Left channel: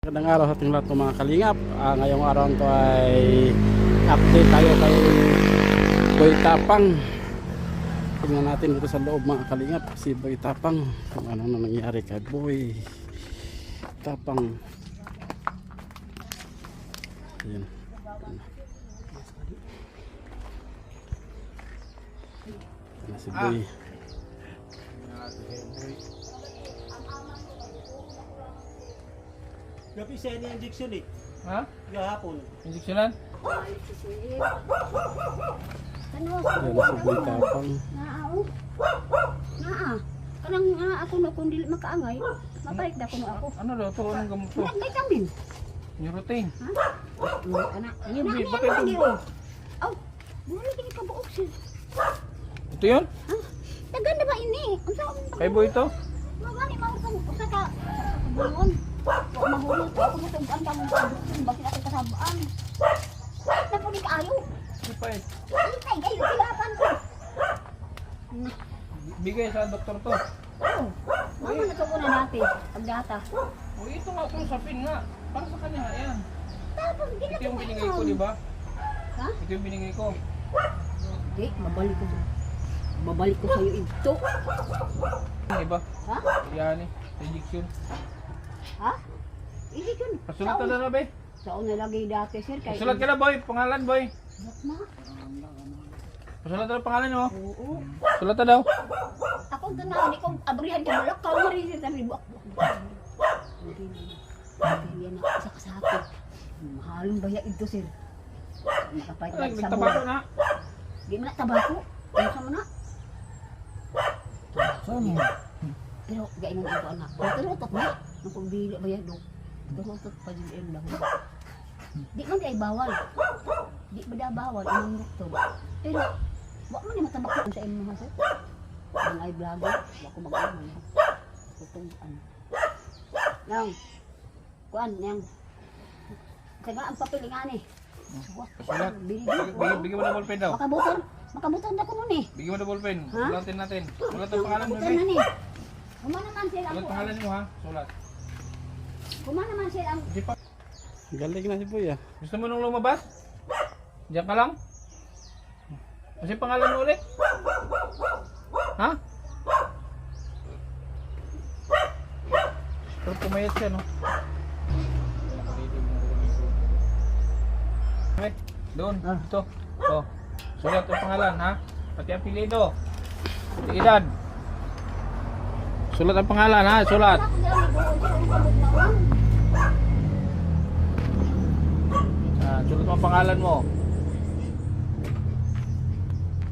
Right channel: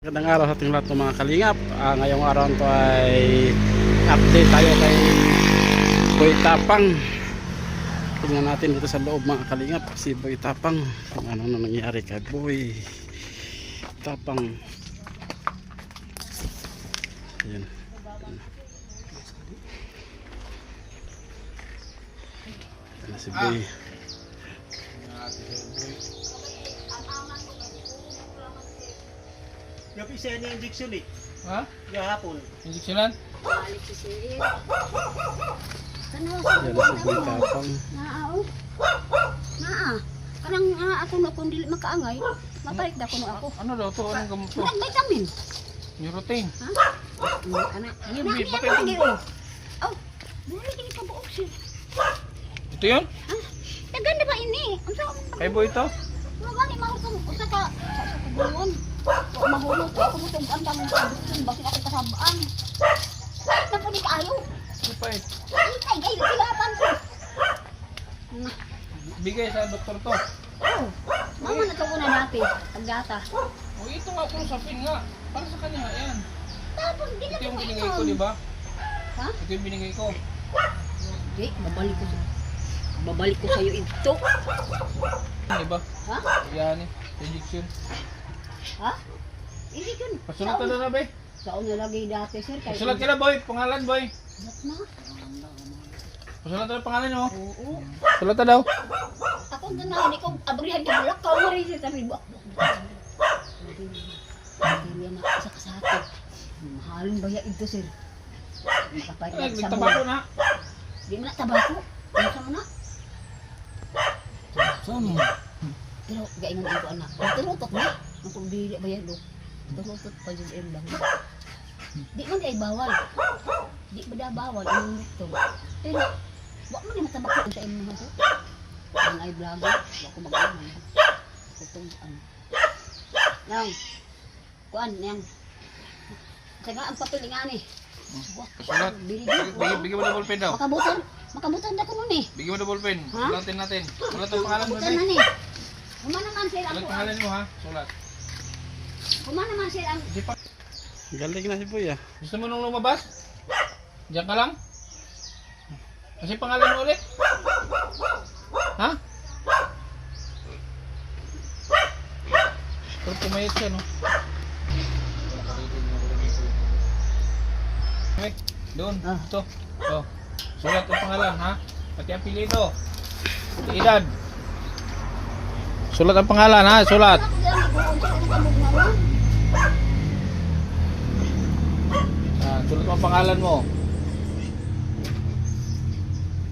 Magandang araw sa ating lahat ng mga kalingap. Ngayong araw ito ay update tayo kay Boy Tapang. Tingnan natin dito sa loob mga kalingap si Boy Tapang kung ano na nangyari kay Boy Tapang. Ayan. Ayan na si Boy. Gabi siya ni injection eh. Ha? Gahapon. Injeksyonan? Ayan na si Boy Tapang. Kanang ako na kung dili makaangay, mabalik na kuno ako. Ano daw to? Anong gamot to? Vitamin. Neurotin. Ha? Ana, Ano, na bakit na ang- lagi. Oh, dili kini ka buok siya. Ito yun? Ha? Daganda ba ini? Unsa Kay Boy ito? Mga ni mao kung usa ka sa kabulon. Wa mahulog ako mo tong ang damo ang bakit ako kasabaan. Na po ni kaayo. Ito pa eh. Ay gay silapan ko. Bigay sa doktor to. Oh, mama na to ko na dati, pagdata. O ito nga sapin nga. Para sa kanya nga yan. Tapos di na Ito yung ko binigay ko, di ba? Ha? Ito yung binigay ko. Di, babalik ko sa iyo ito. Di ba? Ha? Yan eh. Injection. Ha? Hindi ko. Pasulat ka na ba? Saan nalagay dati, sir? Pasulat ka na boy. Pangalan boy. Yak na. Pasulat ka na pangalan mo. Oo. Pasulat ka daw. Ako ganahan ko, abrihan ka malak ka mo rin siya sabi ba? Hindi na isa ka sa atin. Mahalin ba ya ito, sir? Makapait Ay, sa nagtabako mo. na. Di mo na tabako. Ano sa mo na? Saan mo? Pero gaingan ito anak. Turutot na. Kung dili ba yan, dok? Turutot pa dyan yung lang. Di man ay bawal. Di ba da bawal ang dito. Pero, wak mo ni matabako sa imong mga to. Ang ay vlogger, wak ko mag-aman. Itong ano. Nang, kuan, nang. Saga ang papel nga ni. Pasulat. Bigyan mo na ballpen daw. Makabutan na ko nun eh. Bigyan mo na ballpen. Ha? Sulatin natin. Sulat ang pangalan mo Makabutan na boy. ni. Kumana man sila Sulat ang pangalan mo ha. Sulat. Kumana man sila ang Hindi pa. Galing na si Boy ah. Gusto mo nung lumabas? Diyan ka lang? Kasi pangalan mo ulit? Ha? Pero pumayat siya, no? Okay, doon, ito. Ito. Sulat ang pangalan, ha? Pati apelido. Pati edad. Sulat ang pangalan, ha? Sulat. Sulat ang pangalan mo.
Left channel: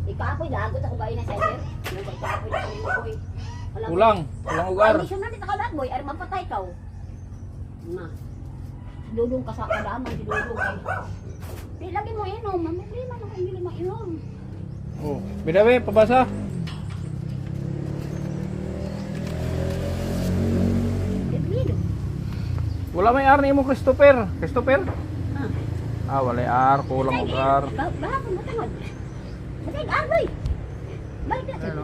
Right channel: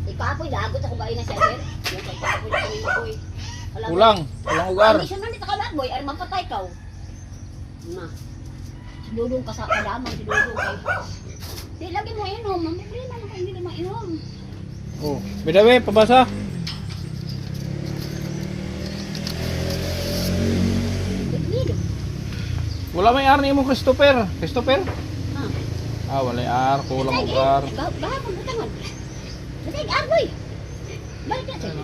Ikapoy lagot ako ba ina sa sir? Yung pagkapoy na kanina boy. Kulang ugar. Hindi siya nandito ka ba boy? Ay mampatay ka. Na. Si Dudong ka sa kadaman si Dudong kay. Di lagi mo inom, mamili na kung hindi mo inom. Oh, bedawe pabasa. Hindi. Wala may ar ni mo Christopher. Christopher? Ah. Wala ar, kulang ugar. Gahapon mo tangod. Bakit arboy? Balik na sir.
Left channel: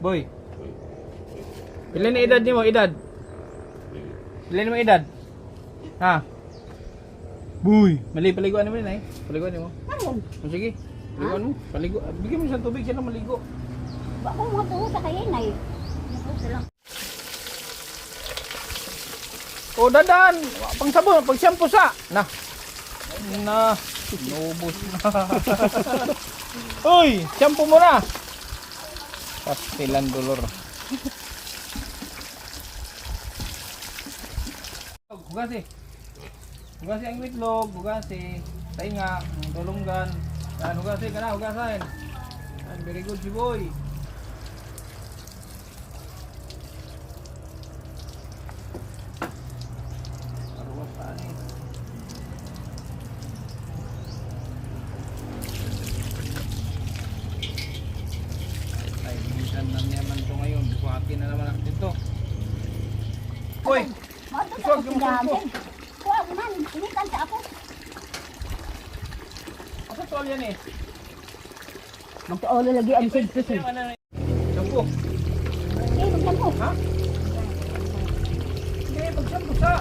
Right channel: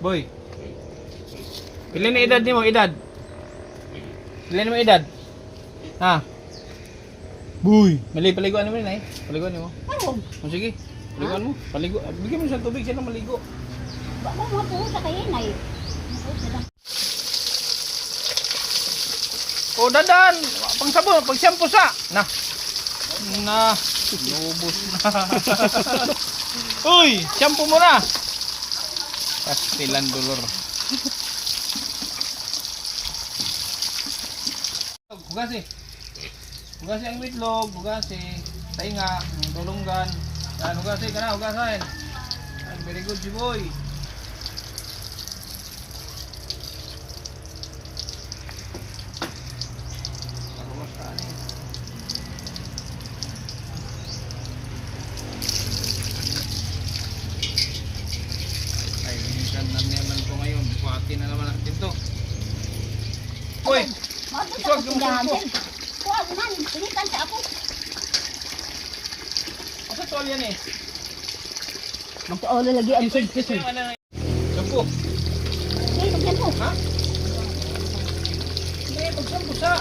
Boy. Ilan na edad nimo? Edad? Ilan mo edad? Ha? Boy, mali paliguan mo na eh. Paliguan mo. Ano? O sige. Paliguan mo. Paligo. Bigyan mo siya tubig siya na maligo. Bako mo po sa kayo na eh. Lang. O dadan, pang sabon, pag shampoo sa. Na. Lubos na. Uy, shampoo mo na. Pastilan dolor. Hugasi. Hugasi ang itlog, hugasi. Tainga, dulunggan. Yan, hugasi ka na, hugasin. Yan, very good si boy. Arumas ka ni. Ay, minsan naman ko ngayon. Buhatin na naman natin to. Uy! Iswag yung mundo. Kuha ko na, initan sa ako. Asa tol yan eh? Magpaolo lagi ang Shampoo. Hindi, magyan mo. Ha? Hindi, pag shampoo sa.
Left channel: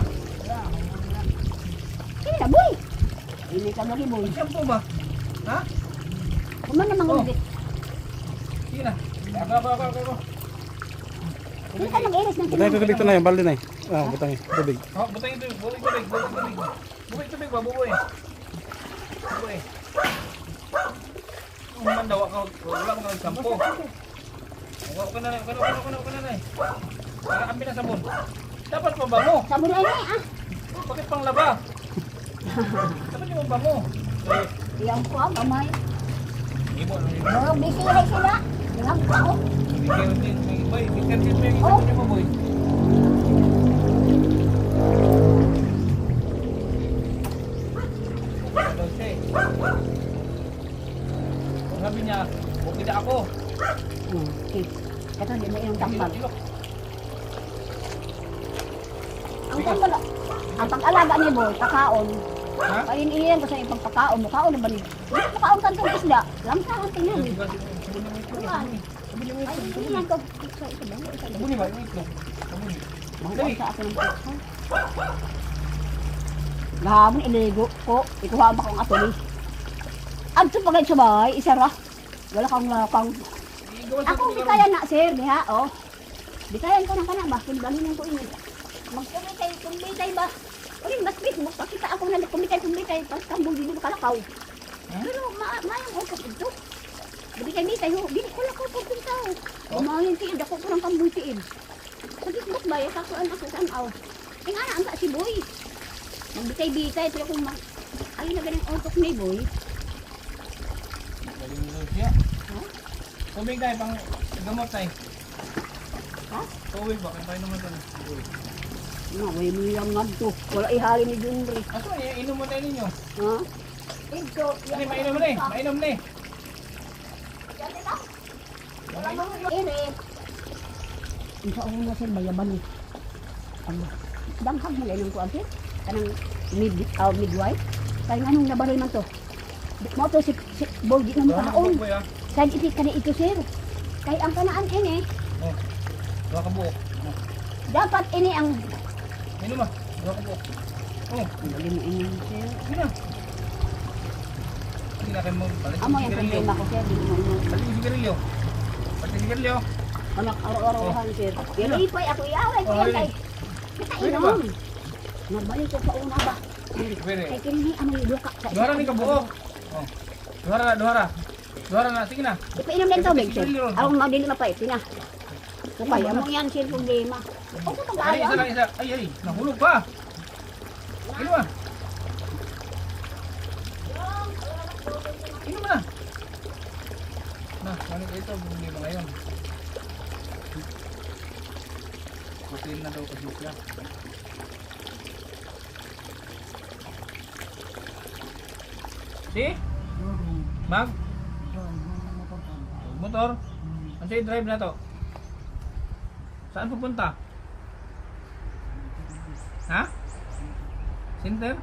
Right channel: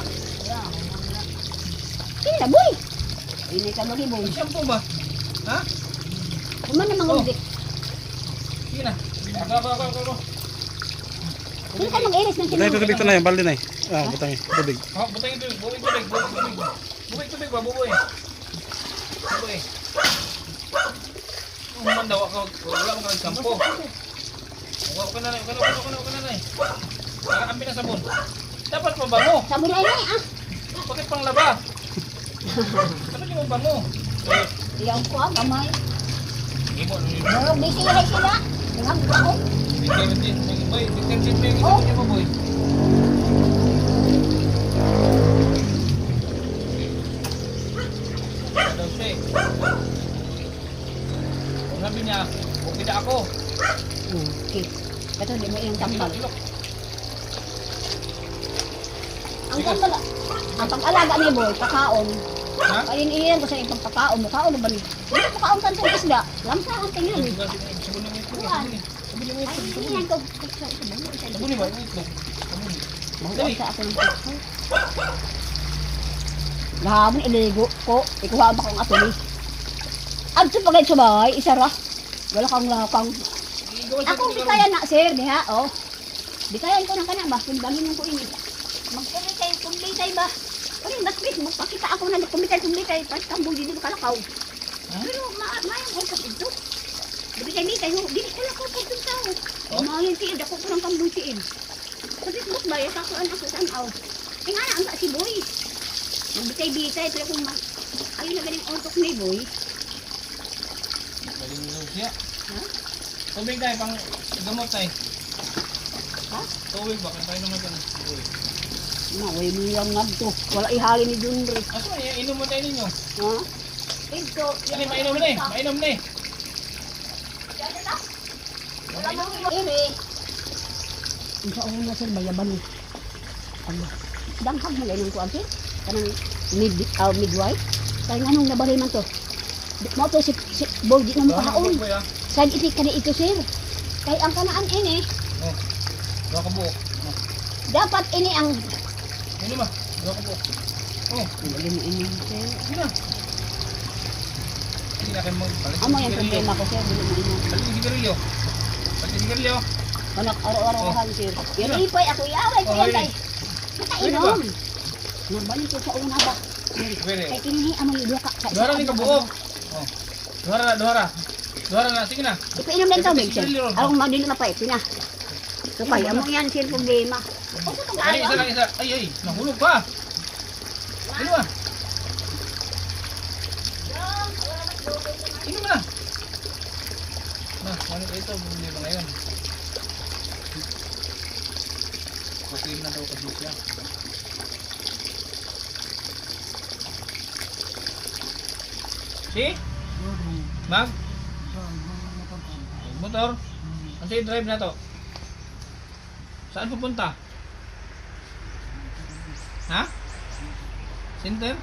Kini na, boy. Ini ka mo boy. Shampoo ba? Ha? Kuman na mga Oh. ulit. Sige na. Ako. Hindi ka mag-iris ng Butang tubig to na yung balde na butang tubig. Oh, butang ito. Tubig. Tubig ba, buboy? Buboy. Human daw ako. Wala mo ka ng shampoo. Huwag ka na. Kakakampi na sabon. Dapat pa ba mo? Sabon ay ah. Bakit pang laba? Dapat yung ba mo? Iyaw ko ah, gamay. Ibo, Pero busy rin sila. Tingnan ko ako. Bigyan boy. Bigyan din mo yung sabon niyo mo, boy. Ano daw siya eh. Kung sabi niya, okay na ako. Okay. Ito, di mo yung tambal. Ilok. Ang tambal, ang pag-alaga ni boy, kakaon. Ha? Kain-iyan ko sa ipang kakaon. Makaon na ba ni? Hindi makaon ka itong isda. Lamsa ang tingin. Sabon ng itlog. Sabon yung Ay, itlog. hindi yan ko. Sabon ba yung itlog? Sabon. Dali. Sa akin ang itlog. Gahapon iligo ko. Ikuha ba kong ato ni? Abso pa kayo subay, isa ra. Wala kang lapang. Ako, di kaya na, sir, diha, oh. Di kaya ko ng kana ba? Kung gaminin ko ini. Kumitay ba? Kaya mas Facebook, pakita ako na kumitay. Pas tambol dito kalakaw. Pero, maayang ako ito. Di kay no, di ko lakaw ko kung tao. Umahin tiid, ako ko ng tambol tiid. Kasi mas ba, kakuan ako sa anaw. Tingnan na, ang si boy. Nagbitay-bitay, pero kung ayun na galing ontok ni boy. Galing daw siya. Ha? Tubig tayo, pang gamot tayo. Ha? Tubig ba? Kaya tayo naman tayo. May miyang nga to. Wala ihali ni Junre. Aso, inom mo tayo ninyo. Ha? Ito. Dali, mainom na eh. Mainom na eh. Ere. Isa ako na sir, bayaban mo. Danghag mo lang ko ang sir. Kanang midwife. Kaya anong nabalay man to? Mo to si Borgi na Doon makaon. boy ah. Saan iti ka na ito sir? Kaya ang kanaan ini. Oh. Dua ka buok. Dapat ini ang... Inom ba? Dua ka buok. Oh. Galing ini sir. Sige na. Hindi na kayo magbalik Amo yung yung sigarilyo. problema ko sir. Balik yung sigarilyo. Balik yung sigarilyo. Anak araw-araw sir. Yan ipay ako iaway Oh, ko really? tay. Pwede ba? Nabalik ko pa una ba? Pwede. Kaya kini amo yung duha ka. Duhara ni ka buok. Oh. Duhara na. Sige na. Ipainom na yung tubig sir. Sigarilyo. Ako madino na pa ipina. Kupay, amo yan sir problema. Ako to Ay, isa lang isa. Ay. Nahulog pa. Inom ba? Inom na. Na, ano ka ito? Bumili ba ngayon? Okay na daw kasi siya. Si? Mag? Motor? Ano sa'yo drive na to? Saan pupunta? Ha? Center?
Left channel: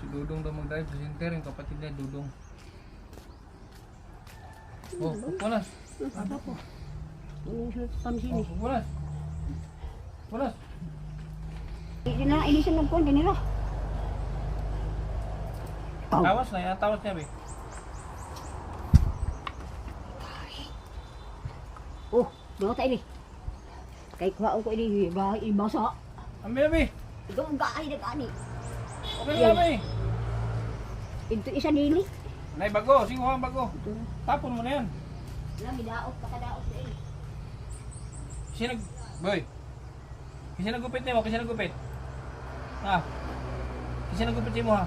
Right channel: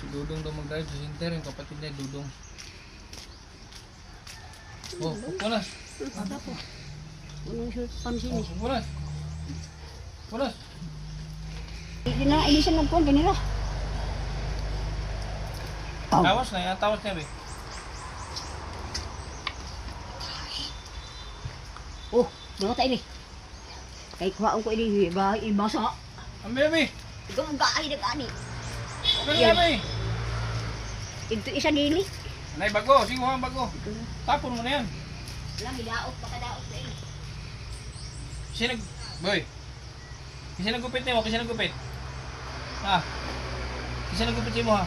Si Dudong daw mag-drive sa center, yung kapatid niya Dudong. Oh, pupunas. Anong shirt pansin Oh, eh. pupunas. Pupunas. Hindi na ilisan ng kuwan kanila. Tawas na, yung tawas niya, be. Oh, mga tayo ni. Kay kuhaan ko ini ibasa. Ang be. Ikaw ang gaay na gani. Okay na, be. Ito isa dili. Nay, bago. Sige, ha, bago. Tapon mo na yan. Wala, midaot pa kadaot na eh. Kasi boy. Kasi nagupit niyo, kasi nagupit. Ha? Kasi nagupit mo, ha?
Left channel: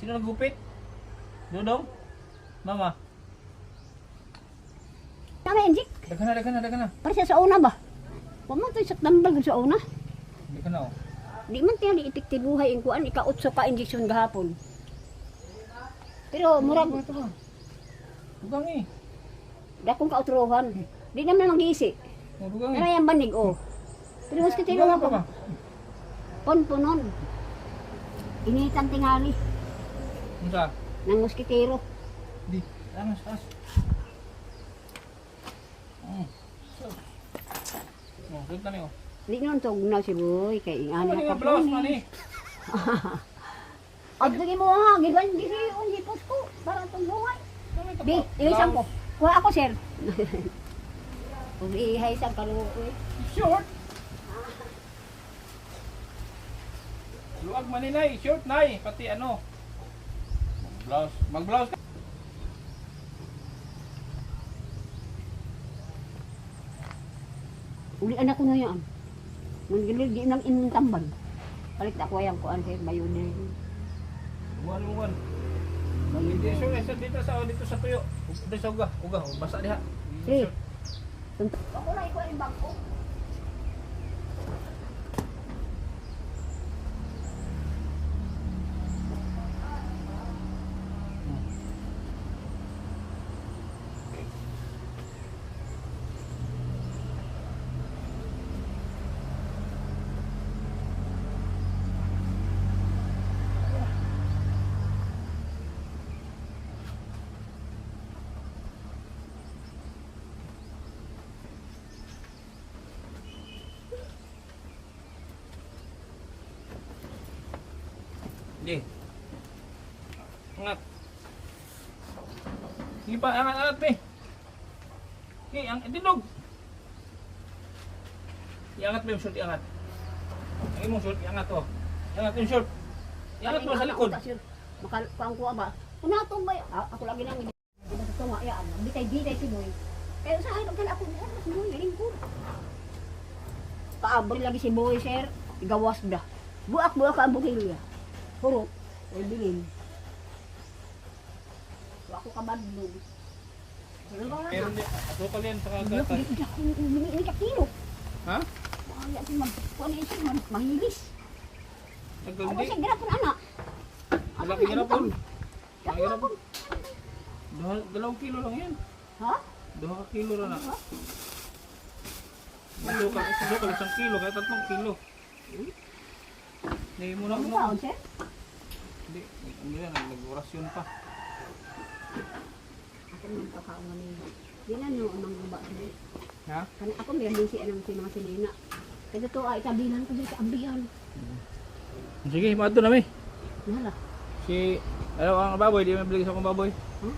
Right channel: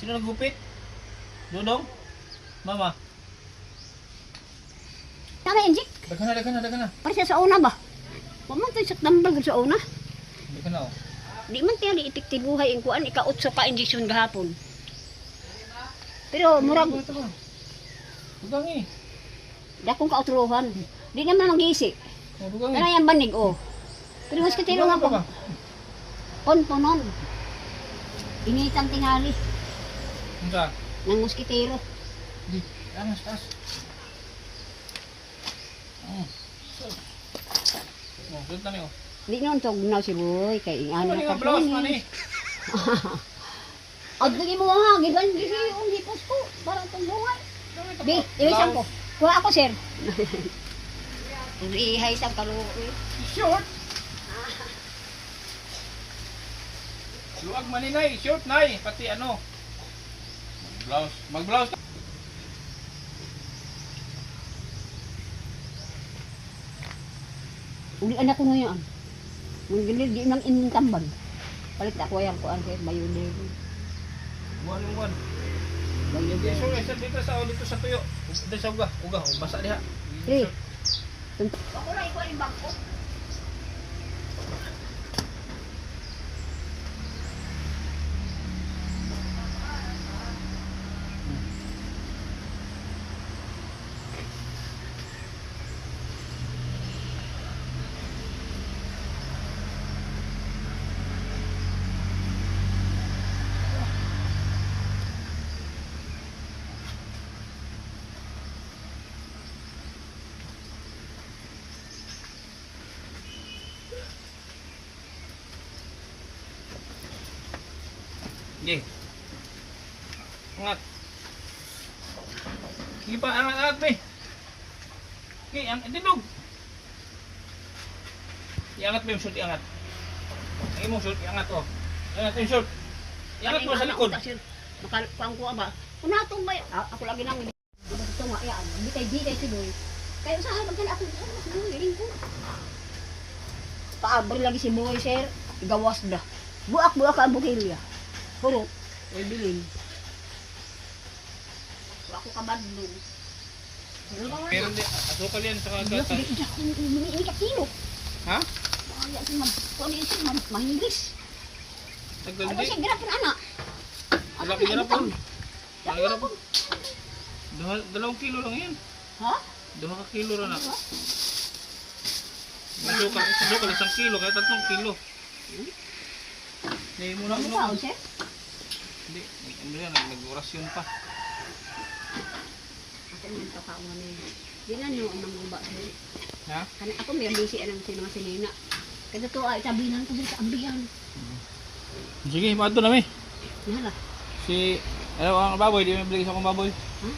Sino nagupit? Dudong? Mama? Tama yan, Jik. Dagan na. Para sa una ba? Huwag man tayo sa tambal sa una. Dagan na, oh. Di man tayo ni epektibo buhay ang kuan ikaot sa pa-injection gahapon. Pero murag Ito ba? Dugang eh. dakong kautruhan. Di naman manggisi. Oh, dugang Ano eh. yung banig oh. Pero mas katiro nga Dugang pa ba? pa. Ponponon. Initang tingali Ano sa? ng muskitero. Di. Taas. Oh. Oh, doon tani, oh. Di noon tog na si boy kay Ano ano nga ka blouse man eh? At lagi mo nga, giban gisi yung hipos ko. Parang itong buhay. Di, ilisang ko. Kuha ako, sir. Kung ihay sa kaluro eh. Short. Luwag man ni nay, short nay, pati ano. Mag-blouse. Mag-blouse. Uli anak ko ngayon. Nung gilid, di nang inintambag. Palit ako yung kuhan, sir. Bayunin. Buwan. Hindi sure, isa dito sa tuyo. Dito sa uga, basa diha. Eh. Ako na ikuha yung bangko. Sige. Angat. Sige pa, angat eh. Sige, didog. Iangat mo yung short, iangat. Ang imong short, iangat oh. Iangat yung short. Iangat mo sa likod. Makakuang ko ba? Kung natong ba, ako lagi nang hindi ito nga, yan. Bitay si Boy. Kaya usahay, magkala ako, si Boy, lingko. Paabri lagi si Boy, sir. Gawas da. Buak ka ang bukilya. Puro, ay bilin. Ako kabadlong. Meron din, asukal yan sa Wala ko kagatan. dito ako ini kakilo. Ha? Kaya si man, kung ano yung mahingis. Ano Nagdandi? siya, girapin anak. Wala ka ginapon. Girapin. 2 kilo lang yan. Ha? 2 kilo rin na. Asukal 1 kilo, kaya 3 kilo. Hindi mo na Ano ba, sir? Hindi, ano yan, nag-orasyon pa. Ako yung kakao na may... Di na niyo ang mga ba. Ha? Kani ako may busy anang si mga sinina. Kasi to ay tabinan ko sa ambiyan. Sige, mato na mi. Yan lah. Si, ano ang baboy, di mo bigay sa akong baboy. Ha?